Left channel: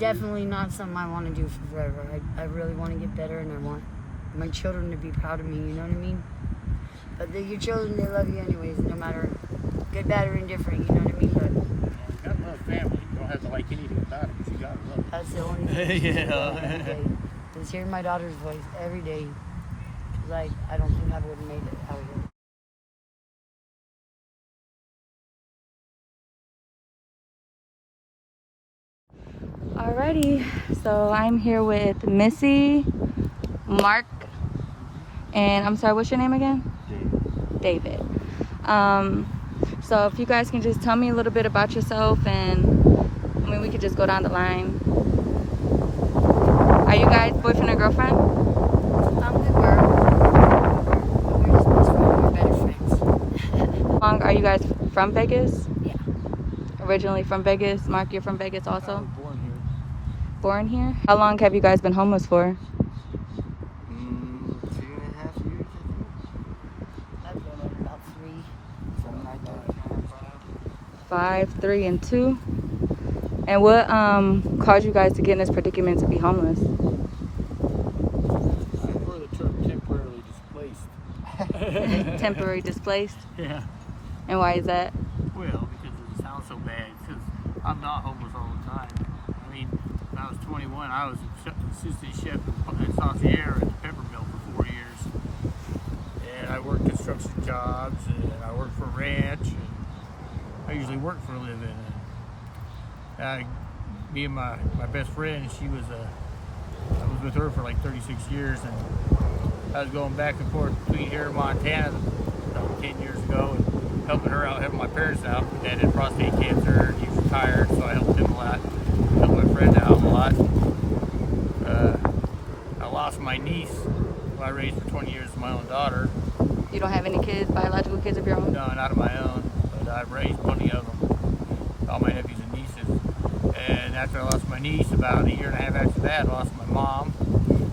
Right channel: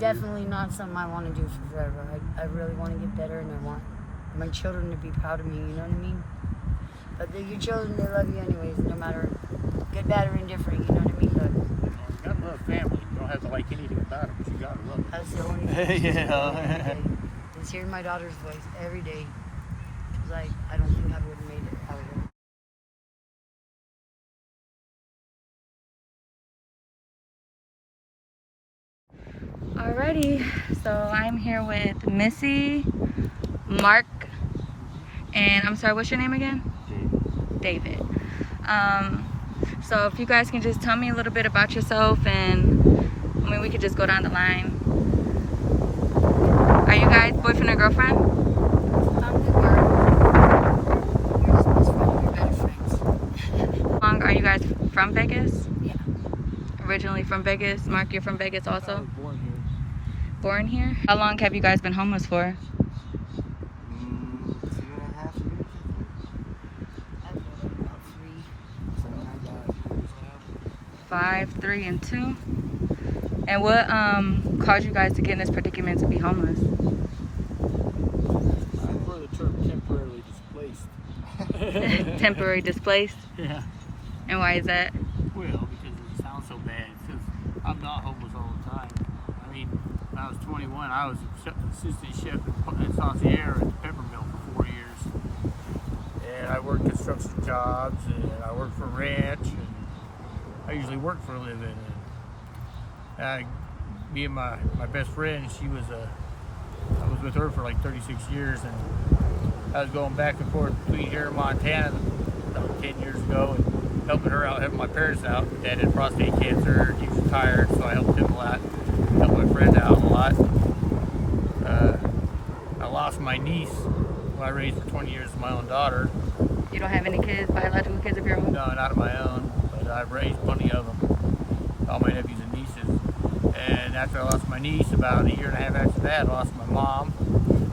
definitely not something I want to do for forever. I really want to get better, and I want my children to be proud of me, you know what I mean? But your children, they love you anyways, no matter good, bad, or indifferent, you know what I mean? But you gotta love family. You don't have to like anything about it, but you gotta love it. that's the only thing. Yeah. Is hearing my daughter's voice every day, because I don't think I would have made it out of her. Alrighty, so I'm here with Missy, Mark, and I'm sorry, what's your name again? David. So if you guys can just tell me a little bit about yourself, and I mean we could just go down the line. Are you guys boyfriend or girlfriend? We were. We're supposed to be better friends. How long are you guys from Vegas? Yeah. Originally from Vegas. Mark, you're from Vegas I also? was born here. Born here? How long have you guys been homeless for? 2.5 years, I think. I've been about 3. Something like that. 5, 3, and 2. And what caused you guys to get in this predicament to be homeless? I prefer the term temporarily displaced. Temporary displaced? Yeah. And why is that? Well, because it sounds so bad. Because I'm not homeless all the time. I mean, when I was 21, I was assistant chef at Saucier at the Pepper Mill for 4 years. And I worked construction jobs, and I worked for a ranch, and I usually worked for a living. And me and my best friend, I was with her for like 36 years, and I was going back and forth between here and Montana about 10 years ago, and helping her out, helping my parents out. My dad had prostate cancer, he was retired, so I helped him a lot, helped my friend out a lot. I lost my niece, who I raised for 20 years, my own daughter. You don't have any kids, biological kids of your own? No, not of my own, but I've raised plenty of them, all my nephews and nieces. And after I lost my niece, about a year and a half after that, I lost my mom.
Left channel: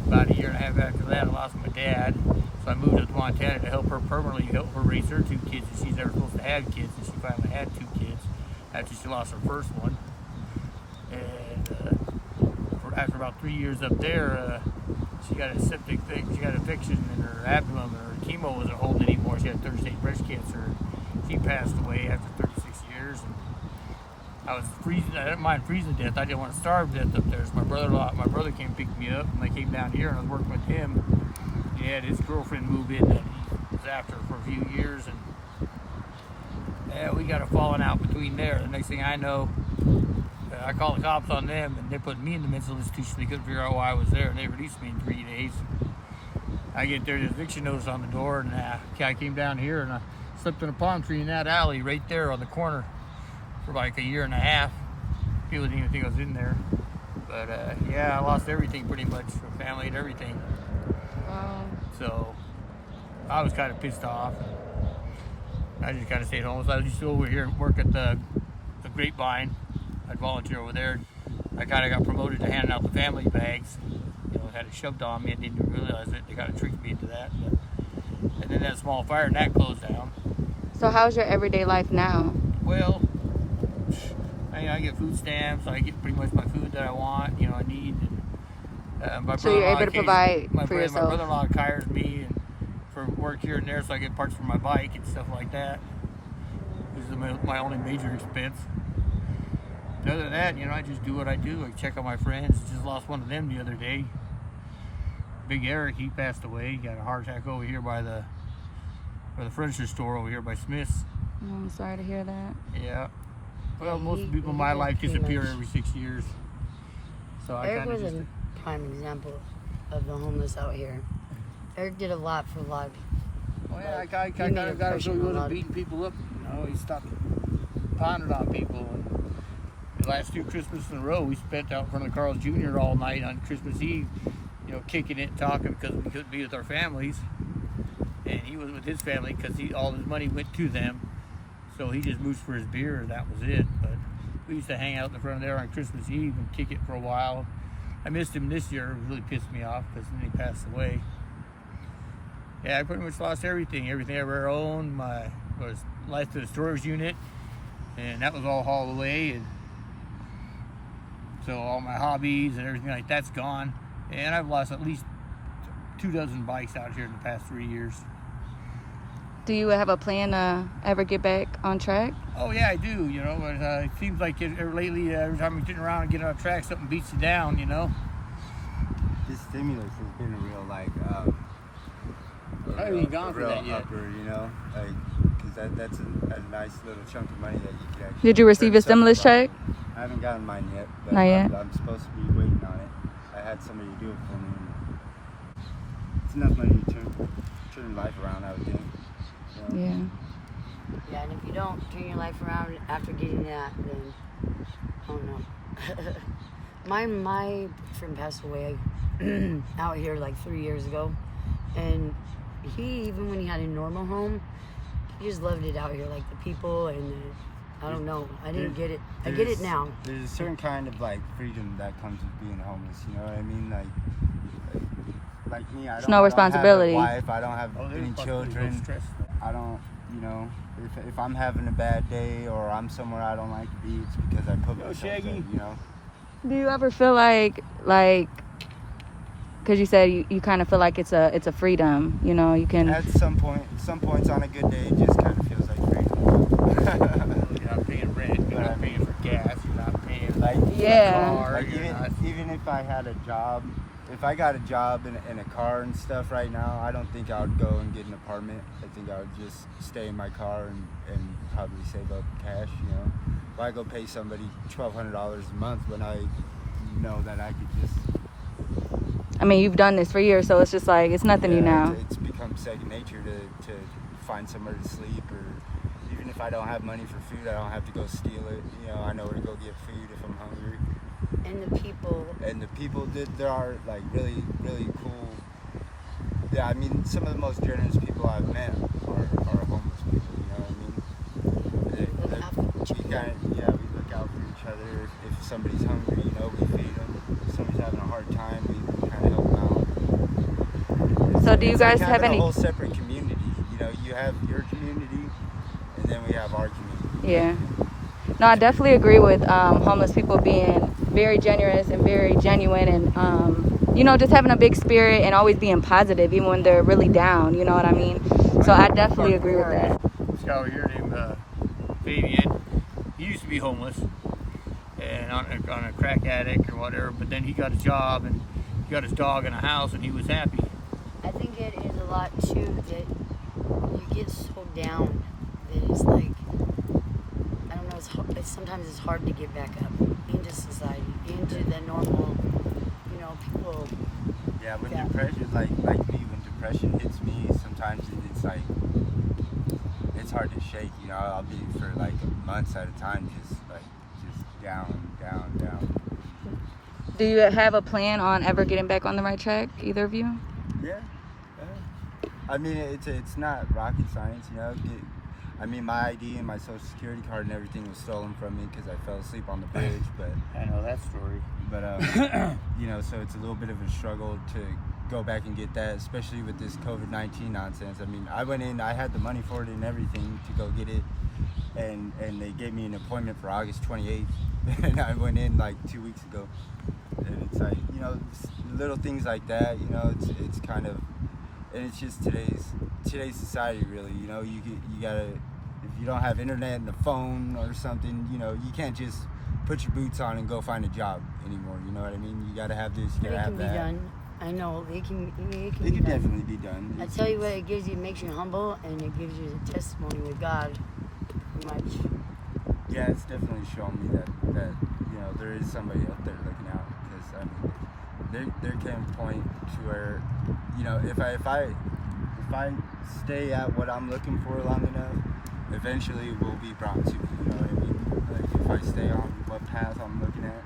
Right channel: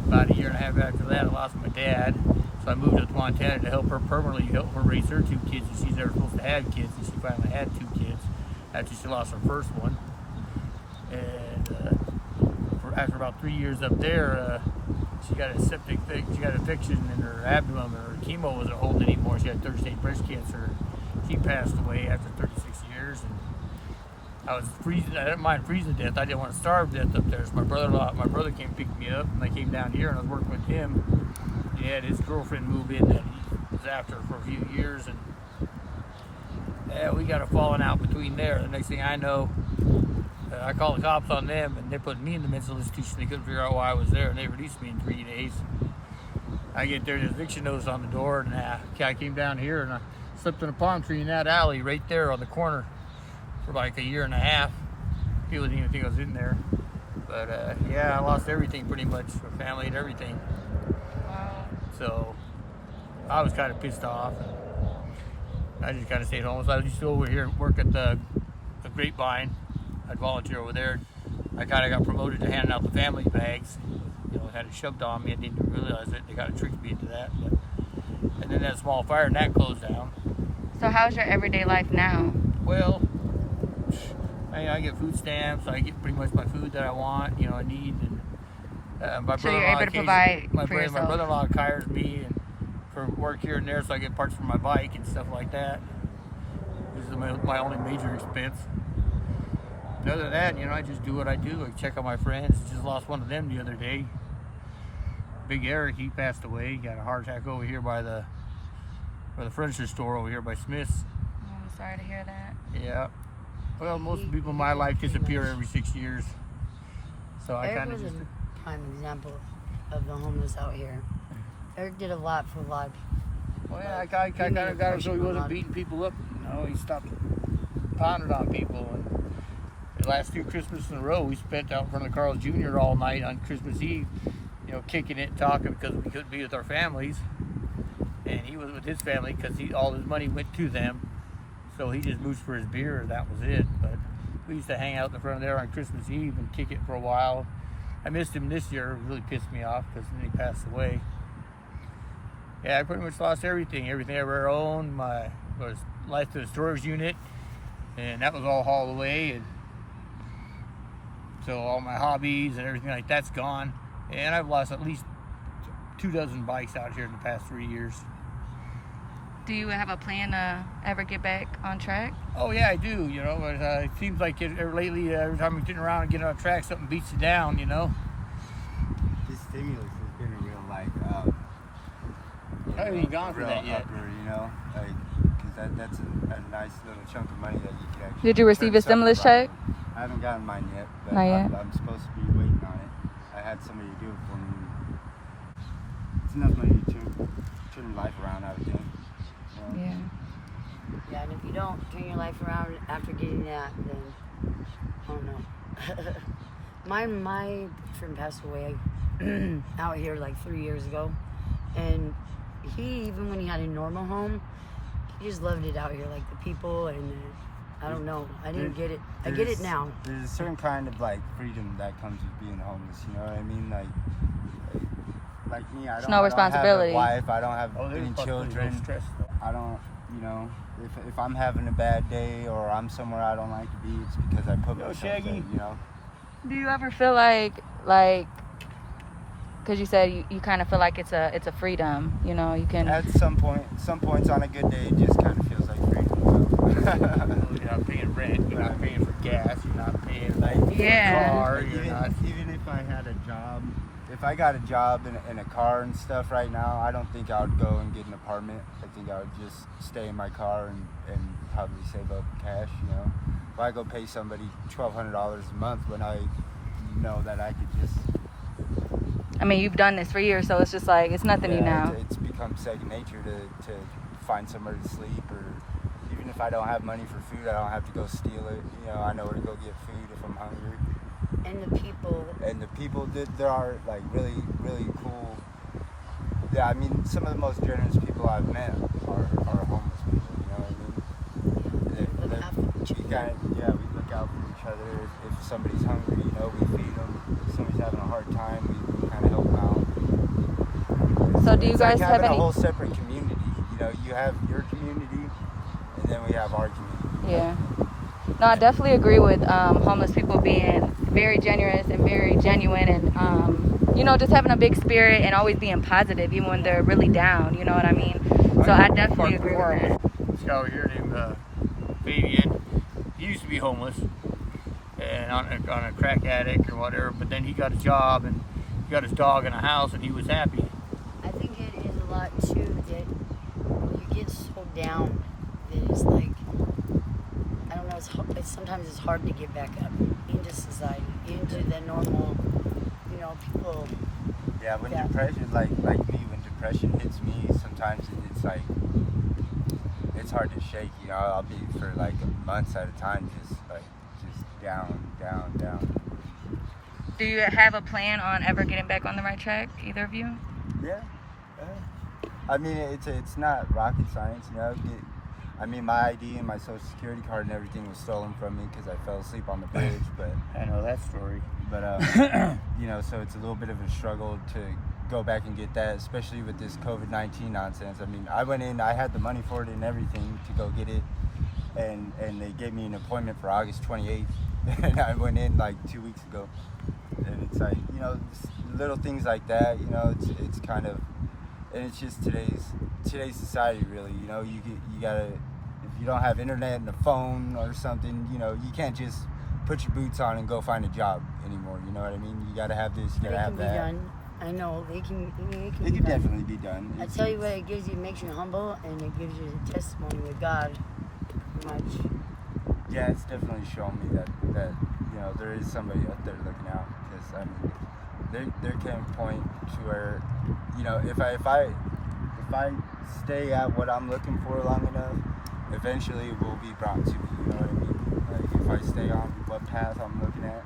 About a year and a half after that, I lost my dad. So I moved up to Montana to help her permanently, help her raise her 2 kids. And she's never supposed to have kids, and she finally had 2 kids after she lost her first one. And after about 3 years up there, she got a septic thing. She got an infection in her abdomen, and her chemo wasn't holding anymore. She had third-stage breast cancer. She passed away after 36 years. And I was freezing. I didn't mind freezing to death. I didn't want to starve to death up there. So my brother came and picked me up, and I came down here, and I was working with him. He had his girlfriend move in that he was after for a few years, and yeah, we got a falling out between there. The next thing I know, I called the cops on them, and they put me in the mental institution. They couldn't figure out why I was there, and they released me in 3 days. I get there, there's eviction notice on the door, and I came down here, and I slept in a palm tree in that alley right there on the corner for like a year and a half. People didn't even think I was in there. But yeah, I lost everything pretty much, my family and everything. So I was kind of pissed off. I just kind of stayed home. So I used to go over here and work at the Grapevine. I'd volunteer over there. I kind of got promoted to handing out the family bags. You know, had it shoved on me. I didn't even realize it. They kind of tricked me into that. But, and then that small fire, and that closed down. So how's your everyday life now? Well, I get food stamps. I get pretty much my food that I want. You know, I need. And my So you're brother-in-law, able to provide my for yourself? brother-in-law hires me and for work here and there, so I get parts for my bike and stuff like that. This is my only major expense. Other than that, you know, I just do what I do. I check on my friends. Just lost one of them the other day. Big Eric, he passed away. He got a heart attack over here by the furniture store over here by Smith's. I'm sorry to hear that. Yeah. Well, most people in my life disappear every 6 years. So Eric was a prime example of the homeless out here. Eric did a lot for a lot of people. Well, Like, I he got made a him so impression he on a lot wasn't of beating people up. You know, he stopped pounding on people. The last 2 Christmases in a row, we spent out in front of Carl's Jr. all night on Christmas Eve, you know, kicking it, talking because we couldn't be with our families. And he was with his family because all his money went to them. So he just mooched for his beer, and that was it. But we used to hang out in front of there on Christmas Eve and kick it for a while. I missed him this year. It really pissed me off because then he passed away. Yeah, I pretty much lost everything. Everything I ever owned. Was life to the storage unit, and that was all hauled away. And So all my hobbies and everything like that's gone. And I've lost at least 24 bikes out here in the past 3 years. Do you have a plan to ever get back on track? Oh yeah, I do. You know, but it seems like lately, every time you get around and get on track, something beats you down. You know. This stimulus has been a real like I haven't even gone a for real that yet. upper, you know, like because that's a nice little chunk of money that you can actually. Did you receive turn a stimulus something check? around with. I haven't gotten mine yet, but Not yet? I'm supposed to be waiting on it. I had somebody do it for me. It's enough money to turn life around, I would think. You know? Yeah. Yeah, and if you don't turn your life around after getting that, then oh no. my friend passed away out here like 3 years ago, and he, even when he had a normal home, he just loved it out here, like the people and I don't know. I didn't get it. I get it now. There's a certain kind of like freedom that comes with being homeless. You know what I mean? Like me, I don't no have responsibility. a wife. I don't have Oh, any there's children. stress. I don't, you know, if I'm having a bad day or I'm somewhere I don't like to be, it's because I put myself there, Shaggy. you know? Do you ever feel like, because you said you kind of feel like it's a freedom, you know, you can. At some points on a good day, it just kind of feels like freedom. You know? You're not paying rent. You're not paying for gas. You're not paying Yeah. for a car. Like, You're not. even if I had a job, if I got a job in a car and stuff right now, I don't think I would go and get an apartment. I think I would just stay in my car and probably save up cash, you know. Why go pay somebody $1,200 a month when I know that I could just... I mean, you've done this for years, so it's just like, it's nothing new now. It's become second nature to find somewhere to sleep, or even if I don't have money for food, I don't have to go steal it. You know, I know where to go get food if I'm hungry. And the people. And the people there are like really, really cool. Yeah, I mean, some of the most generous people I've met are homeless people. You know what I mean? Look after each other. We look out for each other. If somebody's hungry, you know, we feed them. If somebody's having a hard time, we kind of help them out. So do you It's guys like have having any? a whole separate community? You know, you have your community, and then we have our community. Yeah. No, I definitely agree with homeless people being very generous and very genuine, and you know, just having a big spirit and always being positive, even when they're really down. You know what I mean? So I definitely agree with that. This guy over here named Fabian. He used to be homeless and on a crack addict or whatever, but then he got a job and he got his dog in a house and he was happy. I think it is a lot too that you get so down that it's like, I don't know, sometimes it's hard to get back up into society, into the normal, you know, people. Yeah, when Yeah. depression, like me, when depression hits me, sometimes it's like, it's hard to shake, you know. I'll be for like months at a time, just down. Do you have a plan on ever getting back on the right track, either of you? Yeah. I mean, it's not rocket science, you know. I mean, my ID and my social security card and everything was stolen from me because I fell asleep on the bridge, but I know that story. But you know, so it's a little bit of a struggle to go back and get that, especially with this COVID-19 nonsense. I mean, I went in, I had the money for it and everything to go get it, and they gave me an appointment for August 28th, and I went in like 2 weeks ago, and it's like, you know, little things like that, you know, it's kind of, and it's just today's society, really. You know, you gotta, if you don't have internet and a phone or something, you know, you can't just put your boots on and go find a job anymore. You know what I mean? You gotta have this, you gotta have that. It can be done. I know, it can It be can done. definitely be done. I tell you what, it gives you, it makes you humble, and it gives you the testimony with God, pretty much. Yeah, it's definitely shown me that you know, there is somebody out there looking out. Because I mean, there came a point to where, you know, if I stay at what I'm looking for long enough, eventually it will be brought to me. You know what I mean? Like, if I stay on what path I'm looking at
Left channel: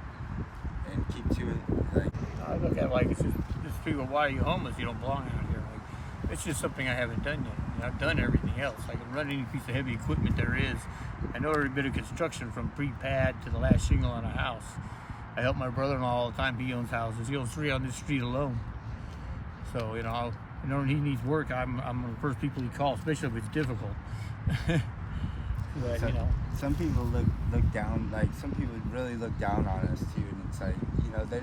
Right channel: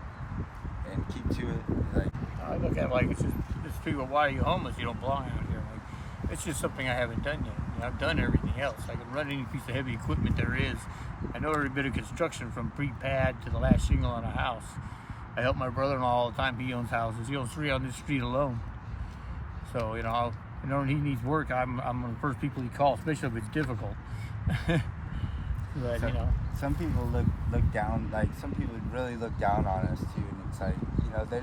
and keep to it, like. I look at it like it's just people, why are you homeless? You don't belong out here. Like, it's just something I haven't done yet. You know, I've done everything else. I can run any piece of heavy equipment there is. I know every bit of construction from pre-pad to the last shingle on a house. I help my brother-in-law all the time. He owns houses. He owns 3 on this street alone. So, you know, when he needs work, I'm one of the first people he calls, especially if it's difficult. But, So, you know. some people look down, like some people really look down on us too, and it's like, you know, they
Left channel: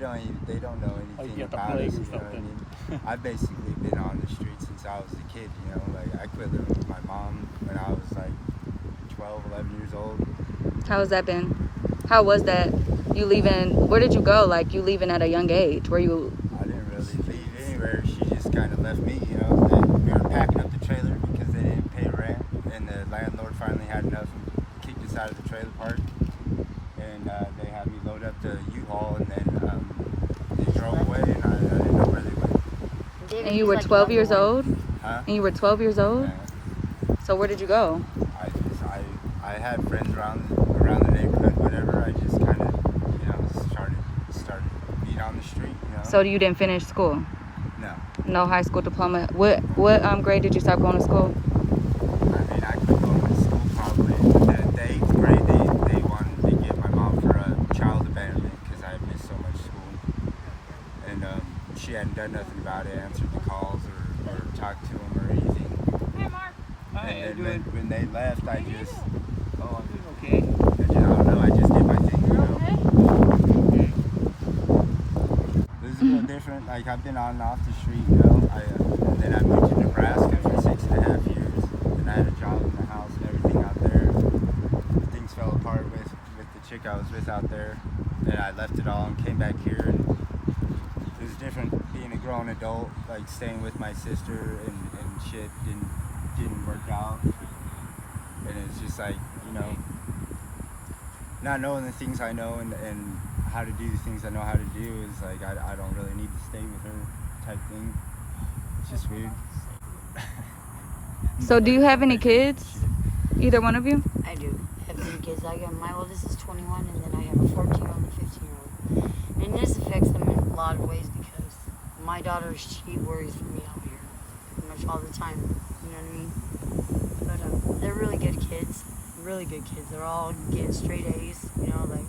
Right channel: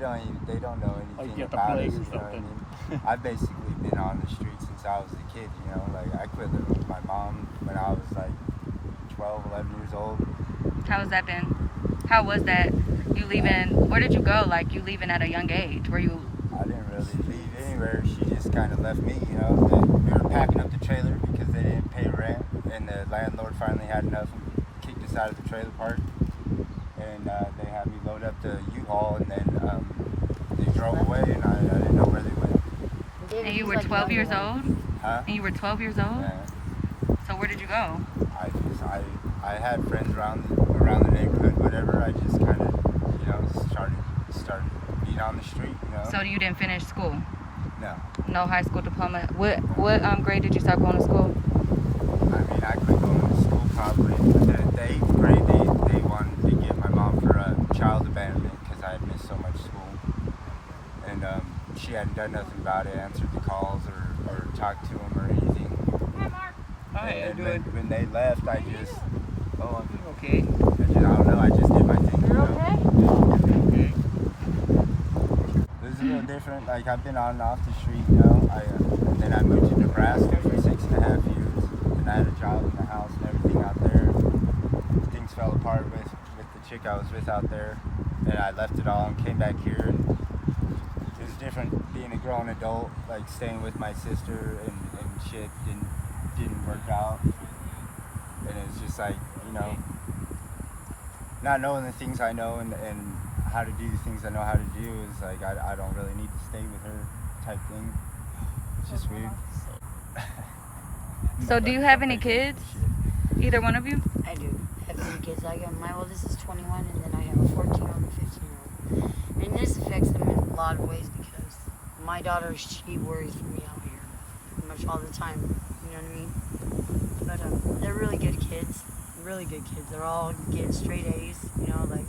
don't know anything get the about us, flavors you know what I of mean? I've basically been on the street since I was a kid, you know, like I quit living with my mom when I was like 12, 11 years old. How has that been? How was that? You leaving, where did you go? Like, you leaving at a young age? Were you? I didn't really leave anywhere. She just kind of left me, you know. We were packing up the trailer because they didn't pay rent, and the landlord finally had enough and kicked us out of the trailer park. And they had me load up the U-Haul, and then they drove away, and I didn't know where they went. And you were 12 years old? Huh? And you were 12 years old? Yeah. So where did you go? I had friends around the neighborhood, whatever. I just kind of, you know, started being on the street, you know. So you didn't finish school? No. No high school diploma. What grade did you start going to school? I mean, I quit going to school probably the 8th grade. They wanted to get my mom for a child abandonment because I had missed so much school, and she hadn't done nothing about it, answered the calls or talked to them or anything. And then when they left, I just, Okay. I don't know, I just did my thing, you know. It was a little different. Like, I've been on and off the street, you know. And then I moved to Nebraska for 6.5 years, and I had a job in the house and everything out there. Things fell apart with the chick I was with out there, and I left it all and came back here, and it was different being a grown adult, like staying with my sister and shit didn't work out. And it's just like, you know, not knowing the things I know and how to do the things I know how to do is like, I don't really need to stay with her type thing. It's just weird. So do you have any kids? Either one of you? I do have 3 kids. I got my oldest is 21, and then I have a 14-year-old and a 15-year-old. And this affects them in a lot of ways because my daughter, she worries for me out here pretty much all the time. You know what I mean? But they're really good kids. Really good kids. They're all get straight A's. You know, like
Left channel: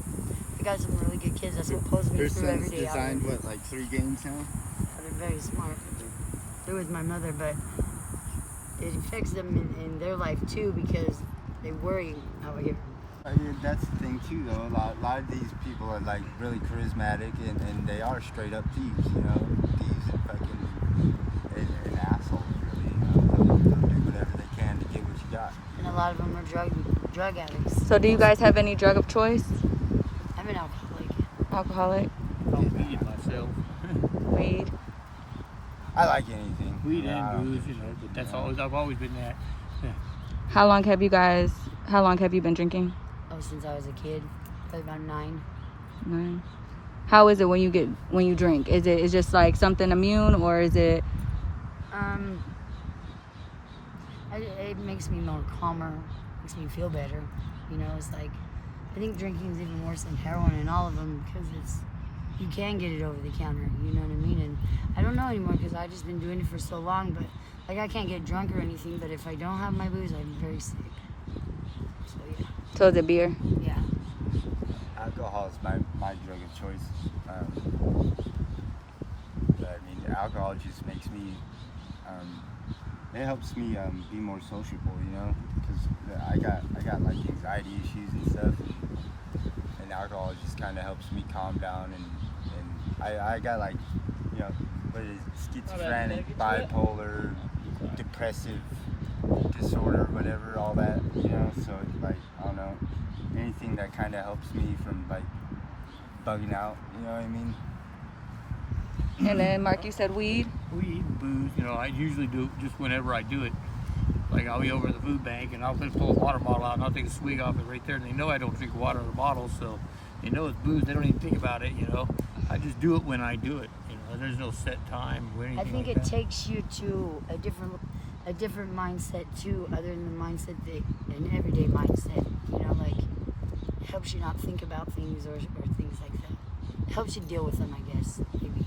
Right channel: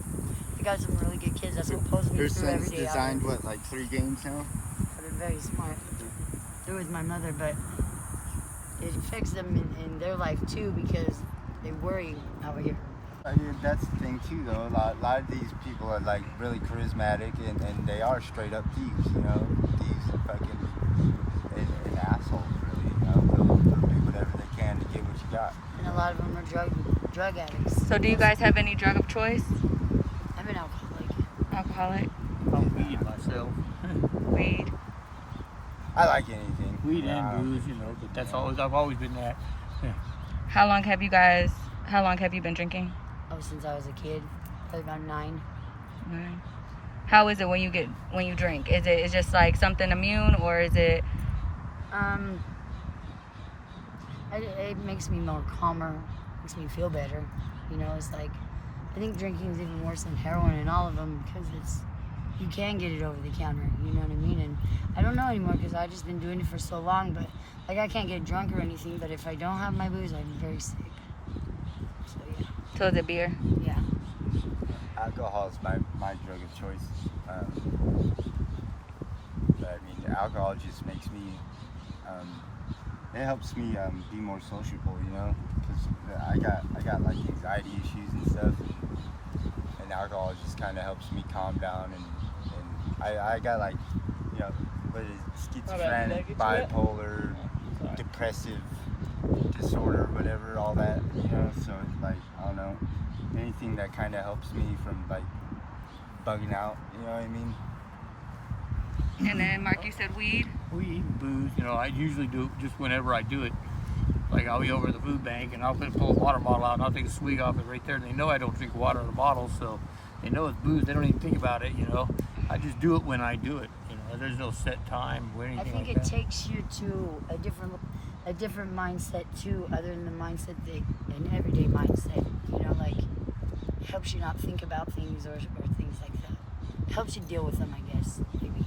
I got some really good kids that's opposing me through every day. Designed what, like 3 games now? They're very smart. They're with my mother, but it affects them in their life too because they worry out here. That's the thing too, though. A lot of these people are like really charismatic, and they are straight up thieves. You know, thieves and fucking and assholes. Really, you know, they'll do whatever they can to get what you got. And a lot of them are drug addicts. So do you guys have any drug of choice? I'm an alcoholic. Alcoholic? Weed myself. Weed? I like anything. Weed and booze, you know, but that's I've always been that. How long have you been drinking? Oh, since I was a kid, probably about 9. 9. How is it when you drink? Is it just like something immune, or is it? It makes me more calmer, makes me feel better. You know, it's like, I think drinking is even worse than heroin in all of them because you can get it over the counter, you know what I mean? And I don't know anymore because I've just been doing it for so long, but like I can't get drunk or anything, but if I don't have my booze, I'm very sick. So yeah. So is it beer? Yeah. Alcohol is my drug of choice. But I mean, alcohol just makes me, it helps me be more sociable, you know, because I got like anxiety issues and stuff, and alcohol just kind of helps me calm down, and I got like, you know, what is it, schizophrenic, bipolar, depressive disorder, whatever, all that, you know, so it's like, I don't know, anything that kind of helps me from like bugging out, you know what I mean? And then Mark, you said weed? Weed, booze, you know, I usually do it just whenever I do it. Like I'll be over at the food bank and I'll pull a water bottle out and I'll take a swig off it right there, and they know I don't drink water out of the bottle, so they know it's booze. They don't even think about it, you know. I just do it when I do it, you know. There's no set time or anything like that. I think it takes you to a different mindset too, other than the mindset an everyday mindset. You know, like it helps you not think about things or things like that. It helps you deal with them, I guess, maybe.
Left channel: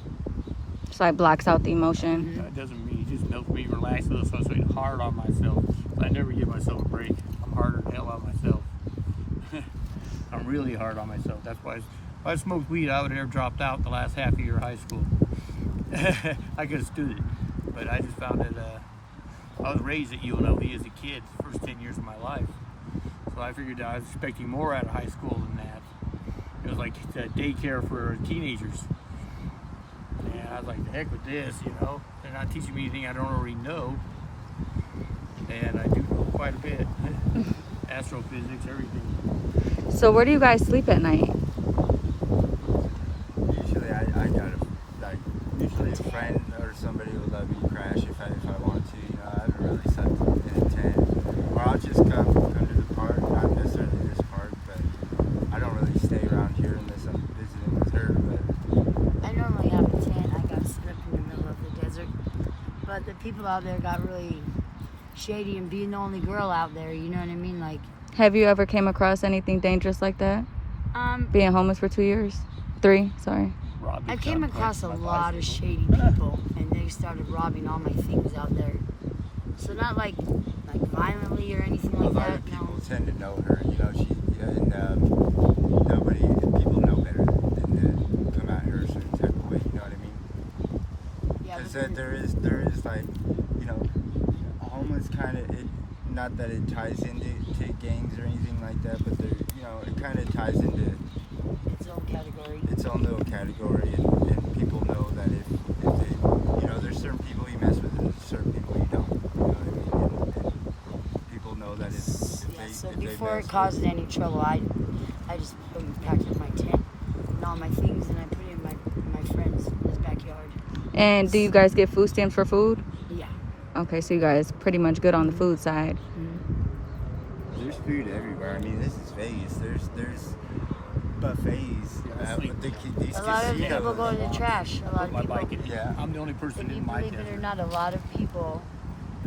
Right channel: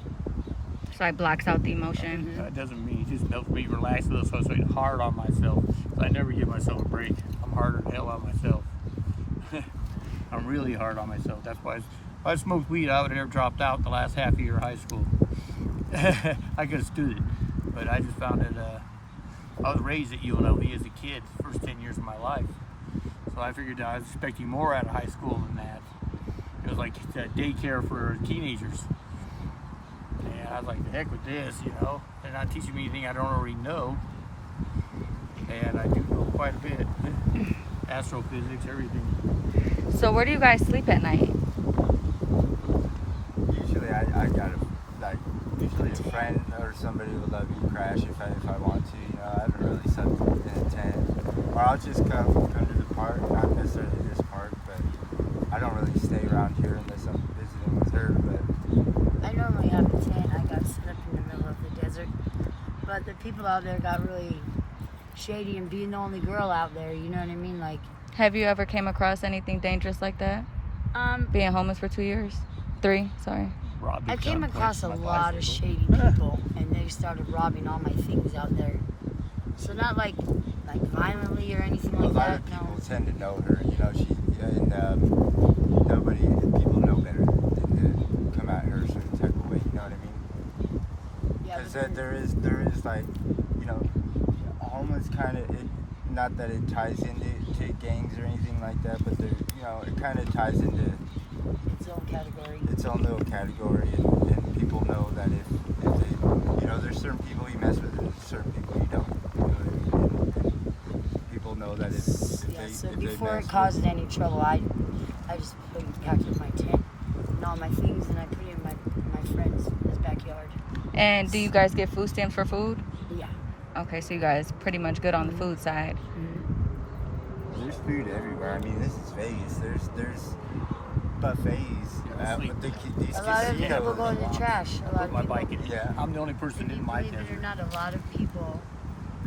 So it blocks out the emotion. That doesn't mean it just helps me relax, so it's hard on myself. I never give myself a break. I'm harder than hell on myself. I'm really hard on myself. That's why if I smoked weed, I would have never dropped out the last half year of high school. I could have stood it, but I just found that I was raised at UNLV as a kid, the first 10 years of my life. So I figured I was expecting more out of high school than that. It was like daycare for teenagers. And I was like, the heck with this, you know. They're not teaching me anything I don't already know. And I do know quite a bit. Astrophysics, everything. So where do you guys sleep at night? Usually I got usually a friend or somebody will let me crash if I want to. You know, I haven't really slept in a tent. Or I'll just come to the park, not necessarily this park, but I don't really stay around here unless I'm visiting with her. But I normally have a tent. I got set up in the middle of the desert. But the people out there got really shady, and being the only girl out there, you know what I mean? Like, Have you ever came across anything dangerous like that? Being homeless for 2 years? 3, sorry. I came across a lot of shady people, and they started robbing all my things out there. So not like violently or anything a like lot that. of people No. tend to know her. You know, people know better than to come at her a certain type of way. You know what I mean? Yeah, Because but there is like, you know, homeless kind of, not that it ties into gangs or anything like that, but it kind of ties into its own category. its own little category, and people know that if they, you know, there's certain people you mess with and there's certain people you don't. You know what I mean? And people know that if Yeah, they so if they before mess it caused any trouble, I just packed up my tent and all my things, and I put it in my friend's backyard. And do you guys get food stamps for food? Yeah. Okay, so you guys pretty much good on the food side. There's food everywhere. I mean, this is Vegas. There's buffets with these A lot of people casinos. go in the trash. A lot of people. Yeah. I'm the only person in my Believe it or desert. not, a lot of people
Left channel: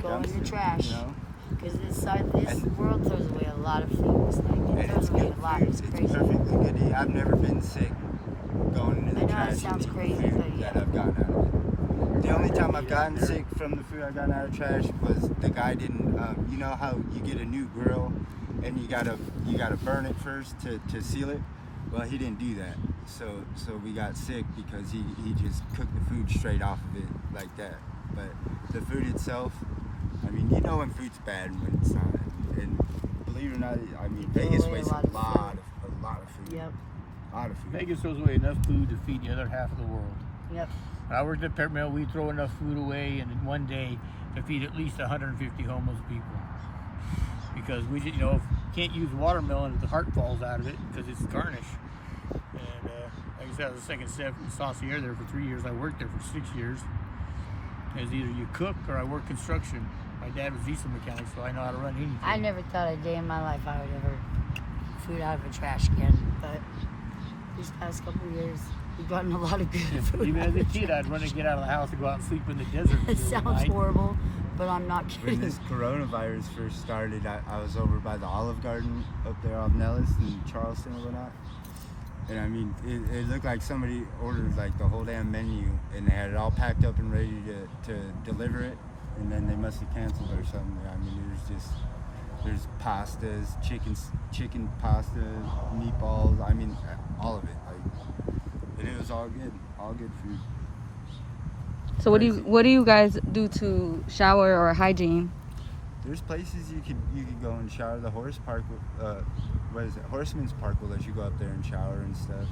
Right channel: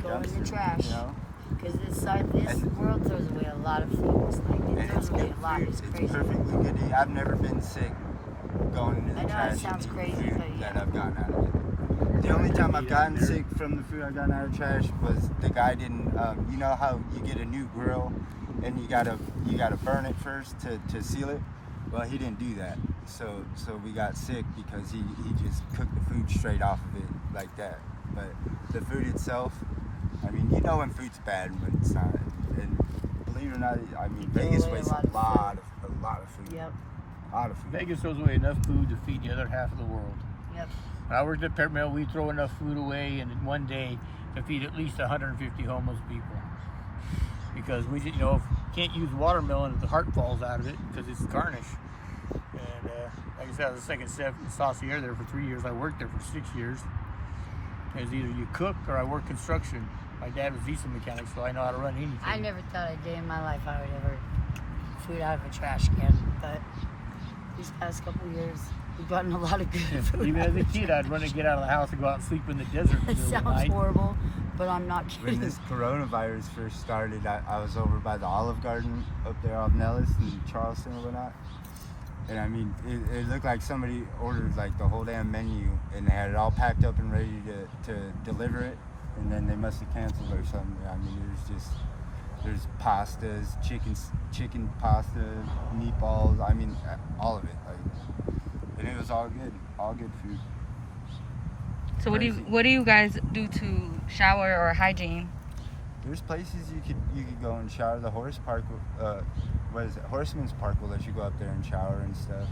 go in the Dumpster, trash. You know? Because this And- world throws away a lot of things. Like, And it it's throws away good a lot. food. It's It's crazy. perfectly good to eat. I've never been sick going into the I know it trash sounds and crazy, eating but food yeah. that I've gotten out of it. The only time I've gotten sick from the food I got out of trash was the guy didn't. You know how you get a new grill and you gotta burn it first to seal it. Well, he didn't do that, so we got sick because he just cooked the food straight off of it like that. But the food itself, I mean, you know when food's bad and when it's not. And believe it or not, I mean, They throw Vegas away a wastes lot a of lot of food. Yep. A lot of food. Vegas throws away enough food to feed the other half of the world. Yep. When I worked at Pepper Mill, we throw enough food away in one day to feed at least 150 homeless people. Because we didn't know, can't use watermelon if the heart falls out of it because it's garnish. And like I said, I was a second chef in Saucier there for 3 years. I worked there for 6 years. It was either you cook or I work construction. My dad was diesel mechanic, so I know how to run anything. I never thought a day in my life I would ever food out of a trash can, but these past couple of years, we've gotten a lot of good food. Even out as a of the kid, trash. I'd run and get out of the house and go out and sleep in the desert. It sounds horrible, but I'm not When kidding. this coronavirus first started, I was over by the Olive Garden up there off Nellis and Charleston or whatnot. And I mean, it looked like somebody ordered like the whole damn menu and they had it all packed up and ready to deliver it. And then they must have canceled or something. I mean, there's pastas, chicken pasta, meatballs. I mean, all of it. Like, and it was all good food. So what do you guys do to shower or hygiene? There's places you could go and shower. The Horseman's Park will let you go up there and shower and stuff.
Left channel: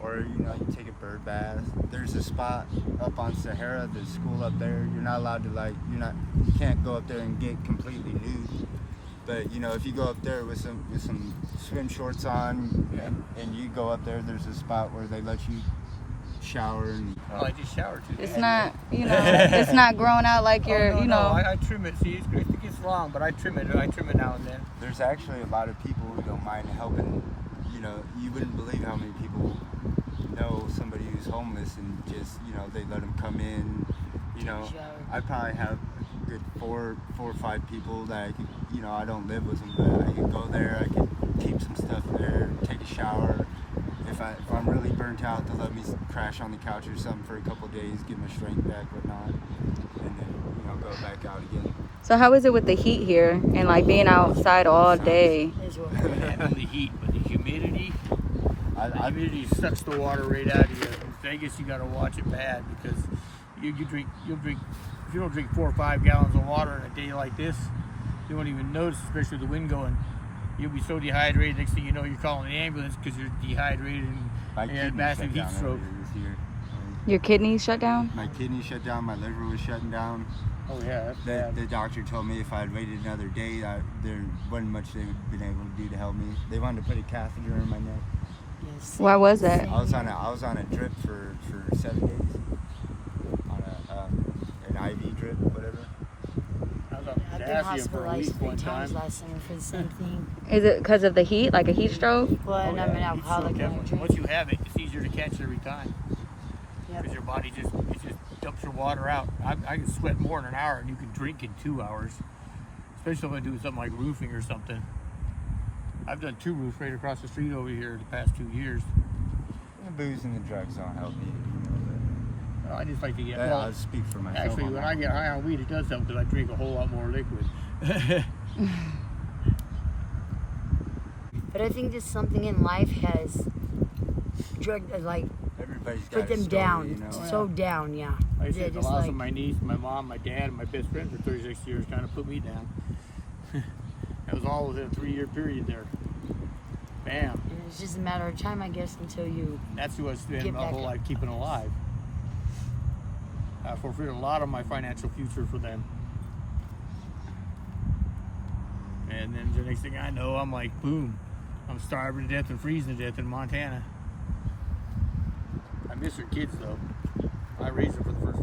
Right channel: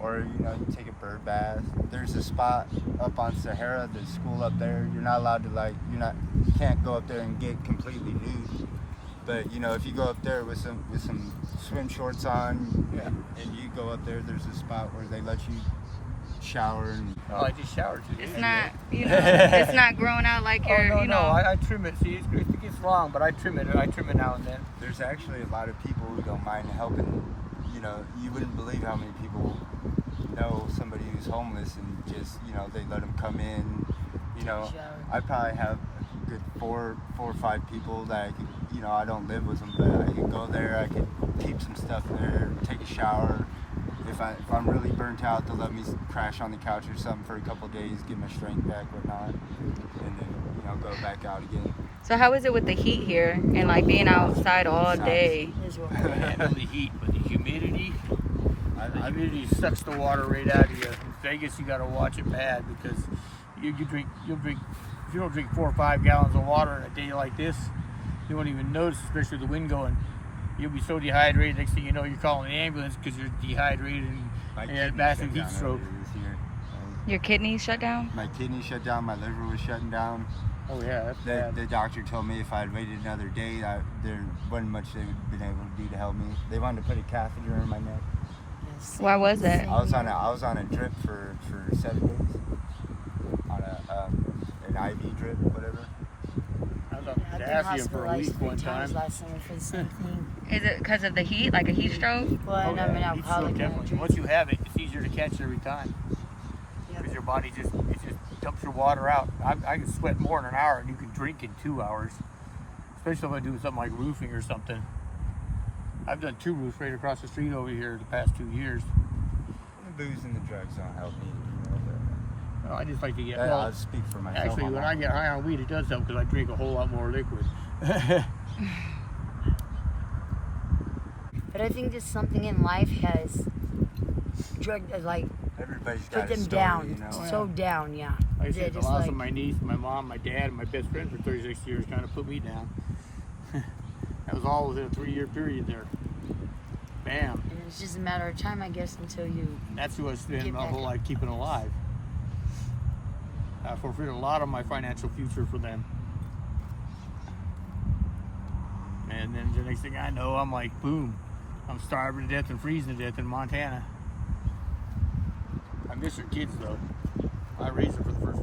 Or, you know, you take a bird bath. There's a spot up on Sahara, the school up there. You're not allowed to you can't go up there and get completely nude. But, you know, if you go up there with some swim shorts on and you go up there, there's a spot where they let you shower and Oh, I just showered today. It's not, it's not growing out like you're, No, I trim it. See, it gets long, but I trim it. I trim it now and then. there's actually a lot of people who don't mind helping. You know, you wouldn't believe how many people know somebody who's homeless and just, you know, they let them come in. You know, I probably have a good four or five people that I could, you know, I don't live with them, but I could go there, I could keep some stuff there, take a shower. If I'm really burnt out, they'll let me crash on the couch or something for a couple of days, get my strength back, whatnot, and then, you know, go back out again. So how is it with the heat here and like being outside all day? It's what- And the heat, but the humidity sucks the water right out of you. In Vegas, you got to watch it bad because you'll drink. If you don't drink 4 or 5 gallons of water in a day like this, you won't even notice, especially the wind going You'll be so dehydrated. Next thing you know, you're calling the ambulance because you're dehydrated and My you had kidney massive shut heat down stroke. earlier this year. Your kidneys shut down? My kidney shut down. My liver was shutting down. Oh yeah, that's bad. The doctor told me if I had waited another day, there wasn't much they would have been able to do to help me. They wanted to put a catheter in my neck. Yes. Why was it? I was on a drip for 7 days. On an IV drip, whatever. I've been hospitalized 3 times last summer for the same thing. Is it because of the heat, like a heat stroke? Well, and I'm an alcoholic and I drink. Once you have it, it's easier to catch every time Yeah. because your body just dumps your water out. I can sweat more in an hour, and you can drink in 2 hours. Especially if I'm doing something like roofing or something. I've done 2 roofs right across the street over here the past 2 years. The booze and the drugs don't help me, you know. I just like to get. But I'll speak for myself Actually, on when that I one. get high on weed, it does something because I drink a whole lot more liquid. But I think there's something in life has Everybody's got put a them story, down, you know. so down, yeah. Like I Yeah, said, the just loss like of my niece, my mom, my dad, and my best friend for 36 years kind of put me down. That was all within a 3-year period there. Bam. and it's just a matter of time, I guess, until you. That's who I spent Get my back whole up. life keeping alive. I fulfilled a lot of my financial future for them. And then the next thing I know, I'm like, boom, I'm starving to death and freezing to death in Montana. I miss your kids though. I raised them for the first